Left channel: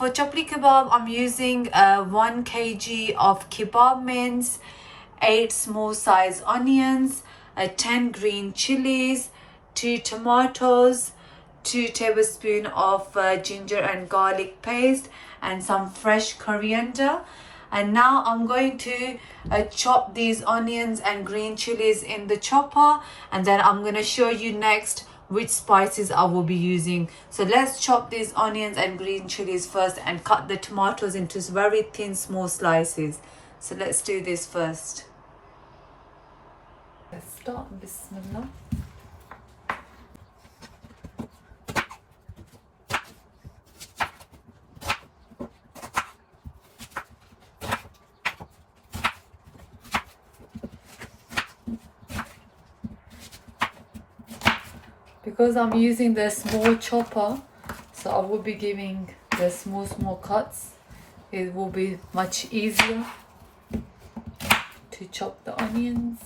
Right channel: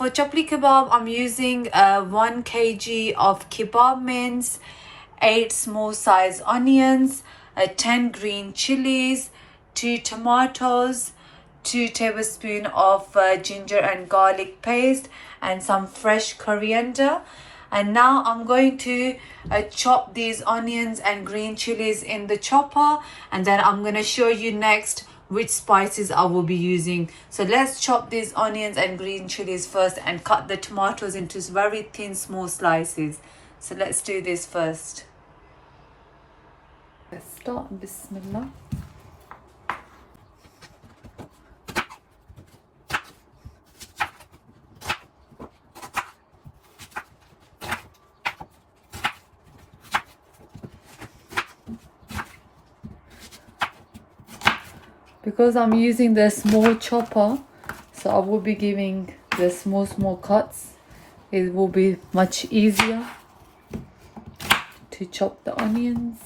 for Chapli kebab, I'm using 1 kg of kebab mince, 8 small size onions, 10 green chilies, 2 tomatoes, 2 tablespoons of ginger and garlic paste, and some fresh coriander. And now I'm going to chop these onions and green chilies in the chopper, and then I'm going to show you next which spices I will be using. So let's chop these onions and green chilies first and cut the tomatoes into very thin small slices. So let's do this first. Let's start. Bismillah. Because I'm using the small chopper, so I will be giving the small cuts. It will be much easier to chop the onions.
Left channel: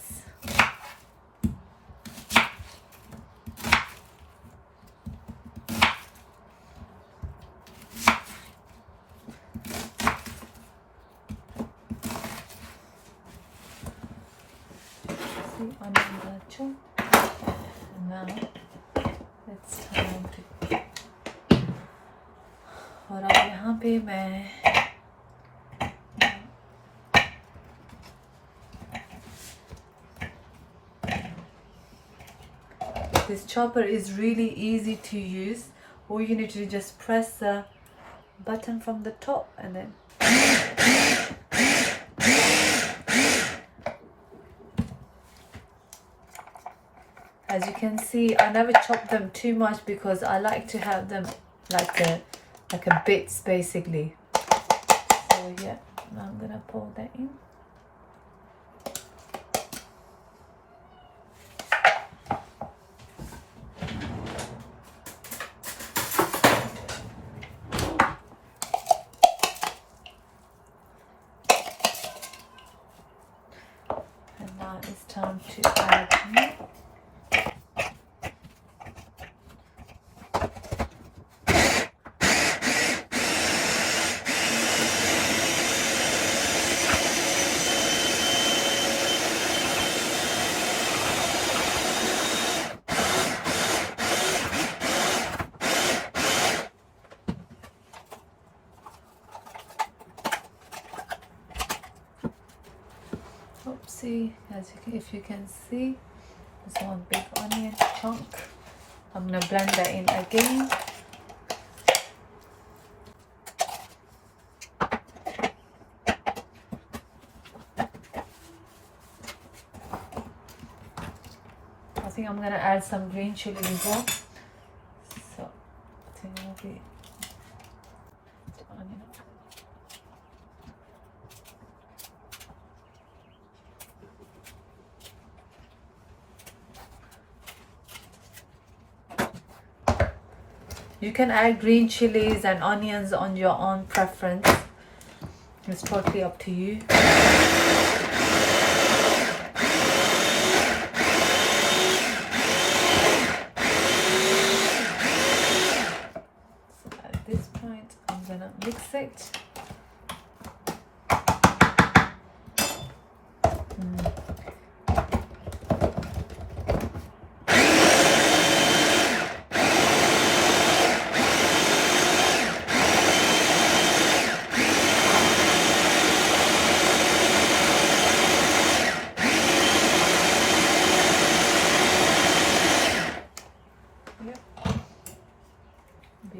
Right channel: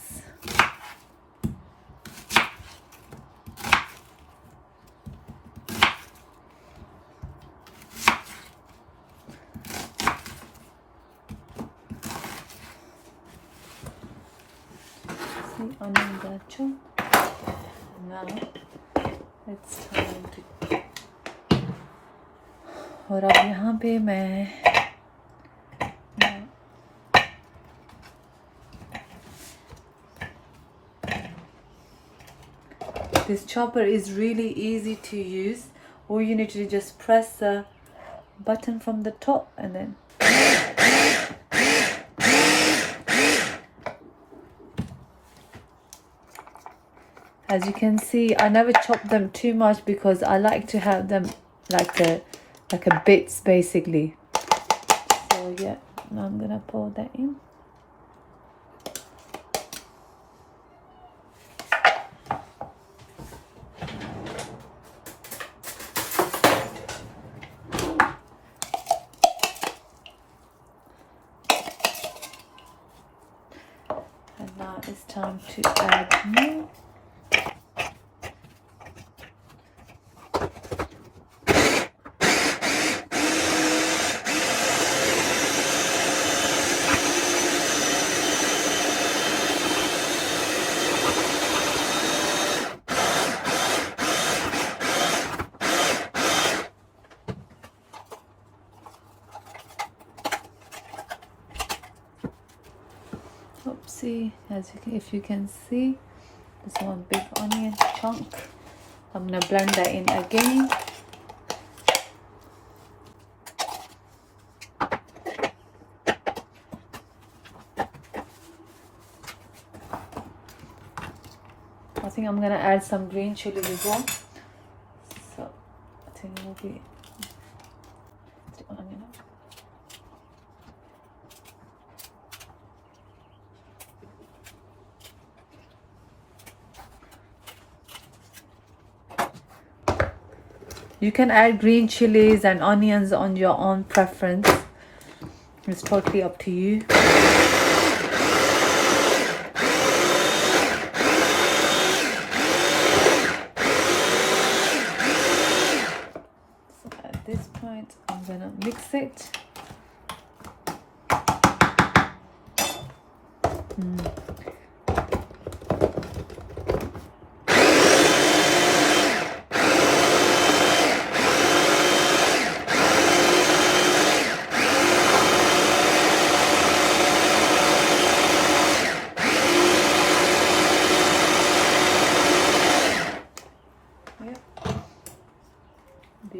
See, onion gonna chop. Now it's time to, और अब यहाँ पे मैं this chopper is really easy to use. All you need to do is just press the button from the top and then as you can see, I never chop them too much because I like to have them like a bits basically. So yeah, now I'm gonna pour that in. And now it's time to add milk. See, if you can see, this one big onion chunk. I'm gonna blend that in again. I think I'm gonna add some green chili as well. So I think we'll be You can add green chilies and onions on your own preference. It's totally up to you. So at this point, I'm gonna mix it.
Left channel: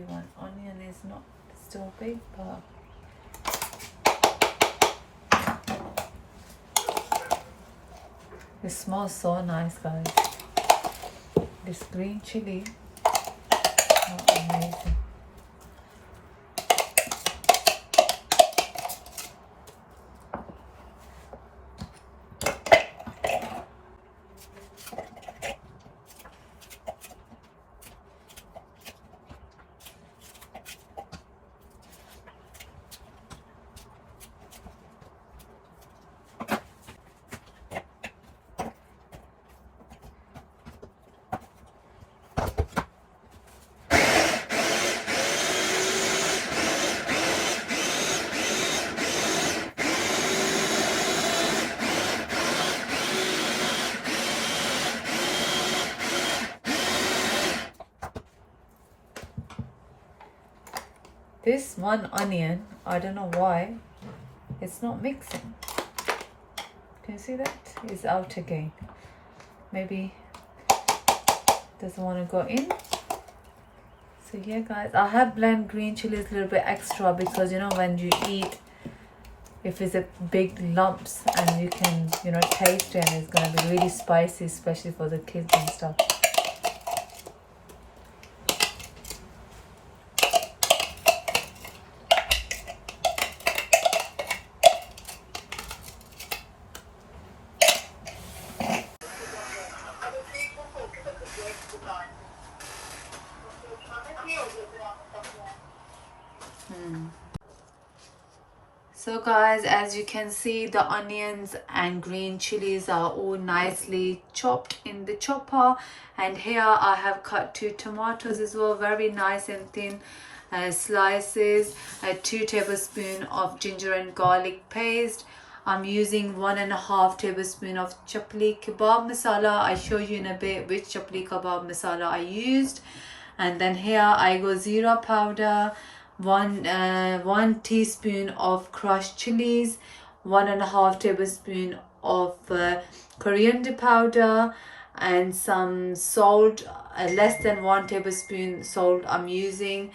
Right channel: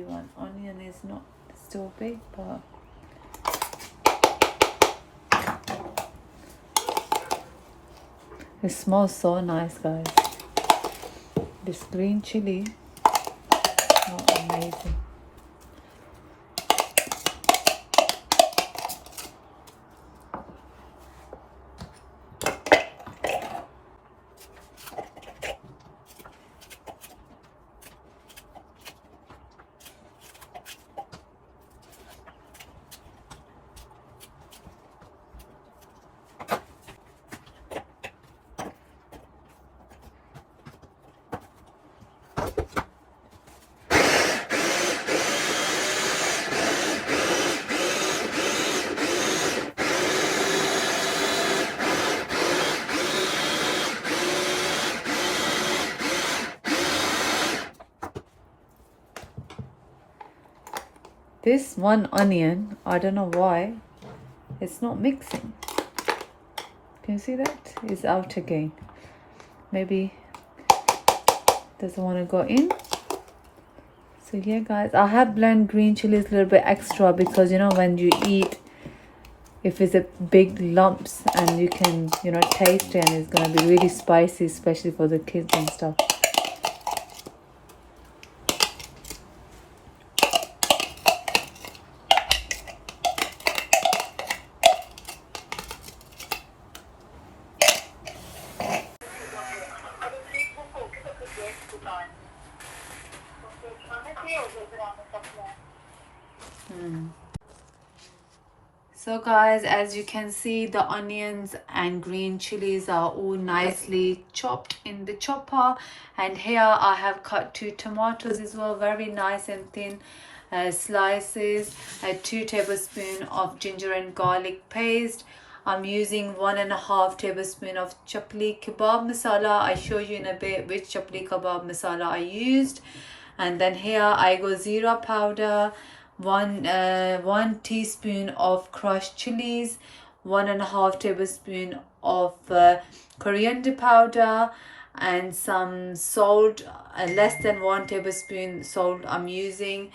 One onion is not still big, but it smells so nice, guys. This green chili, oh, amazing. This one onion, I don't know why it's not mixing. Can you see that? It's out again. Maybe doesn't want to go in. So yeah guys, I have blend green chilies a little bit extra because you know when you eat, if it's a big lumps and you can, you know, taste it, and it's gonna be really spicy, especially for the kids and stuff. So guys, as you can see, the onions and green chilies are all nicely chopped in the chopper, and here I have cut 2 tomatoes as well, very nice and thin slices, 2 tablespoons of ginger and garlic paste. I'm using 1.5 tablespoon of Chapli kebab masala. I show you in a bit which Chapli kebab masala I used. And then here I go zira powder, one teaspoon of crushed chilies, 1.5 tablespoon of coriander powder, and some salt, less than 1 tablespoon salt I'm using,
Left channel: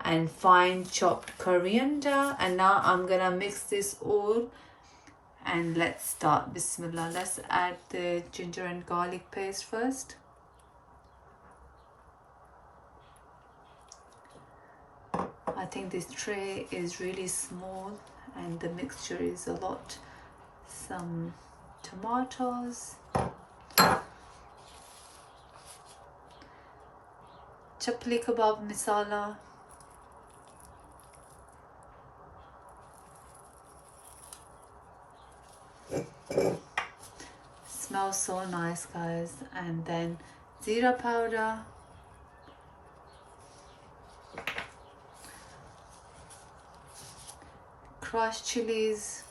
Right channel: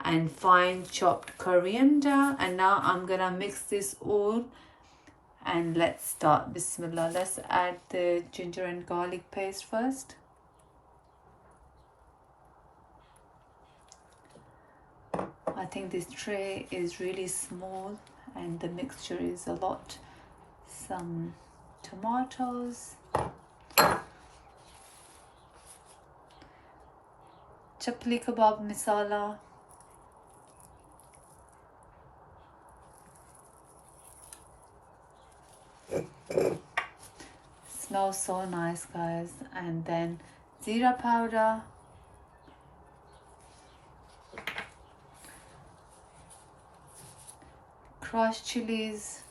and fine chopped coriander. And now I'm gonna mix this all, and let's start. Bismillah. Let's add the ginger and garlic paste first. I think this tray is really small and the mixture is a lot. Some tomatoes, Chapli kebab masala, smells so nice guys, and then zira powder, crushed chilies,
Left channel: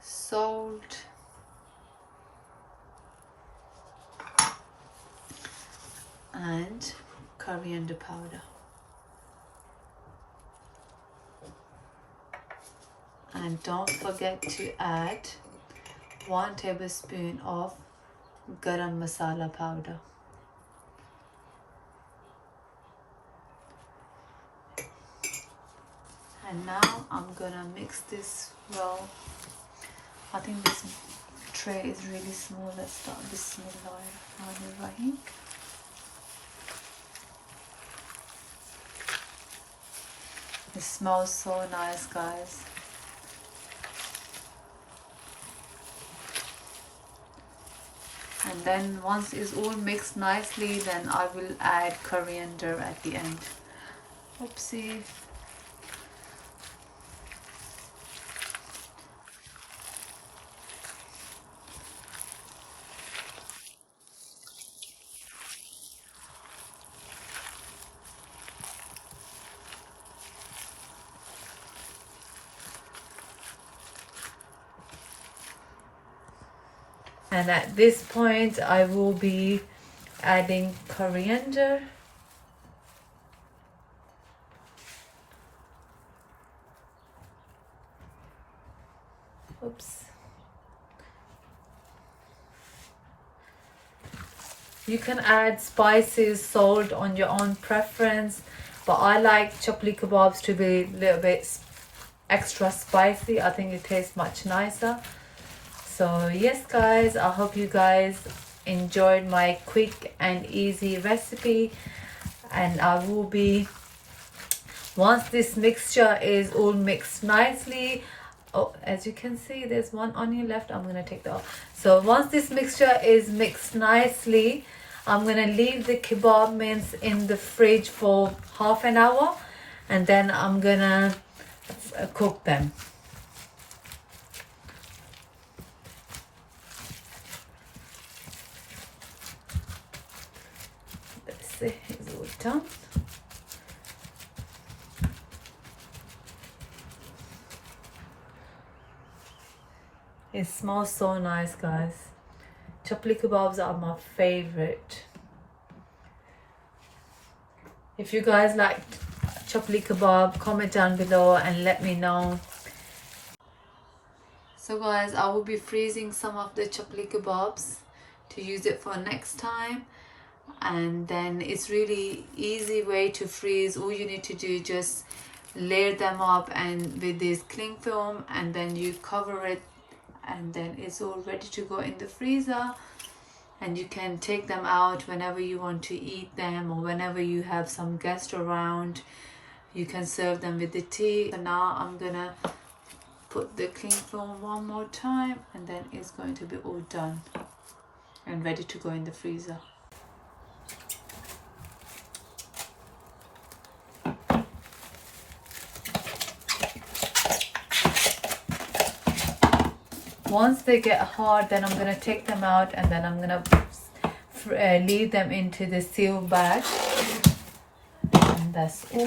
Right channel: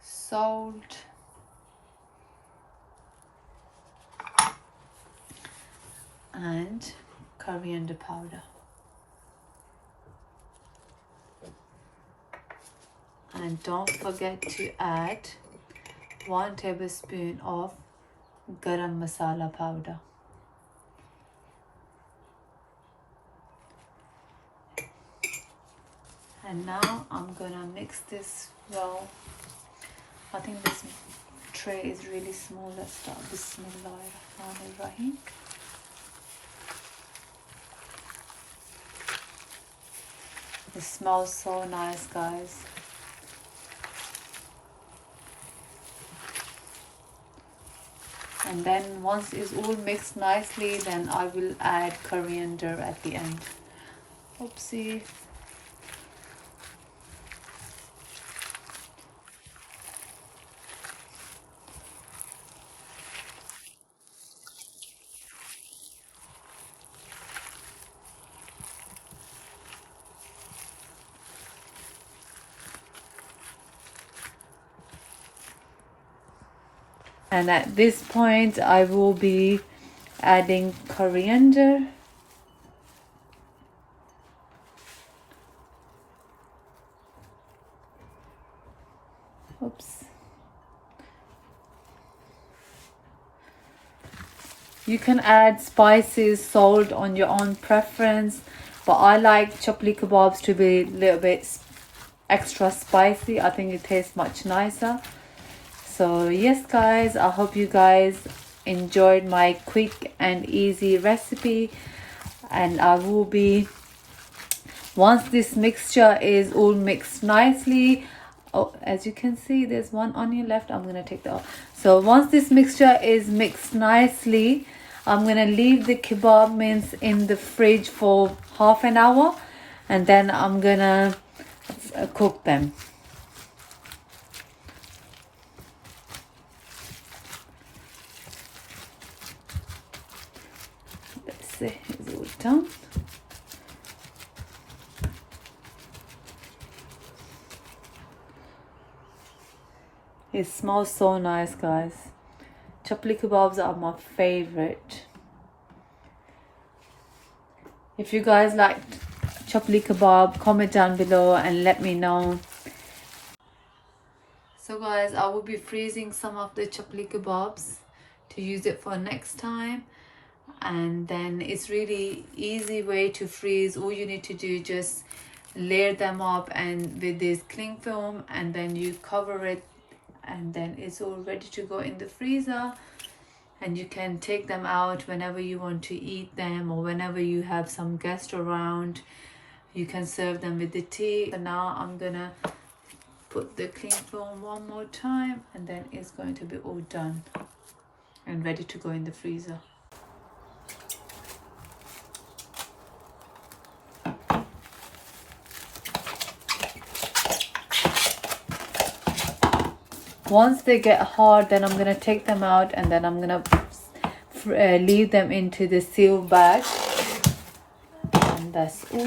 salt, and coriander powder. And don't forget to add 1 tablespoon of garam masala powder. And now I'm gonna mix this well. I think this tray is really small. Let's start. Bismillahirrahmanirrahim. It smells so nice guys. And then once it's all mixed nicely, then I will add coriander at the end. Oopsie. And at this point, I will be adding coriander. Oops. You can add spices, salt on your own preference, but I like Chapli kebabs to be a little bit extra spicy. I think it tastes much nicer. So yes guys, I hope you guys enjoyed my quick and easy recipe, and I will be, once this mixture is all mixed nicely, oh, as you can see there's one onion left, I'm gonna take that off. So once this mixture is mixed nicely, I'm gonna leave the kebab mince in the fridge for half an hour, and then I'm gonna cook them. It's all done. It smells so nice guys. Chapli kebabs are my favorite. If you guys like Chapli kebab, comment down below and let me know. So guys, I will be freezing some of the Chapli kebabs to use it for next time. And then it's really easy way to freeze. All you need to do, just layer them up and with this cling film, and then you cover it, and then it's all ready to go in the freezer. And you can take them out whenever you want to eat them, or whenever you have some guests around, you can serve them with the tea. So now I'm gonna put the cling film one more time, and then it's going to be all done and ready to go in the freezer. Once they get hard, then I'm gonna take them out, and then I'm gonna leave them into the seal bag, and that's all.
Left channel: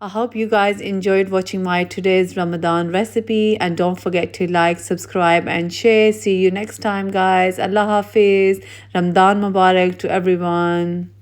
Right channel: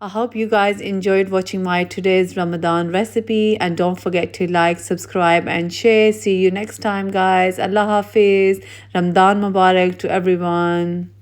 I hope you guys enjoyed watching my today's Ramadan recipe, and don't forget to like, subscribe and share. See you next time guys. Allah Hafiz. Ramadan Mubarak to everyone.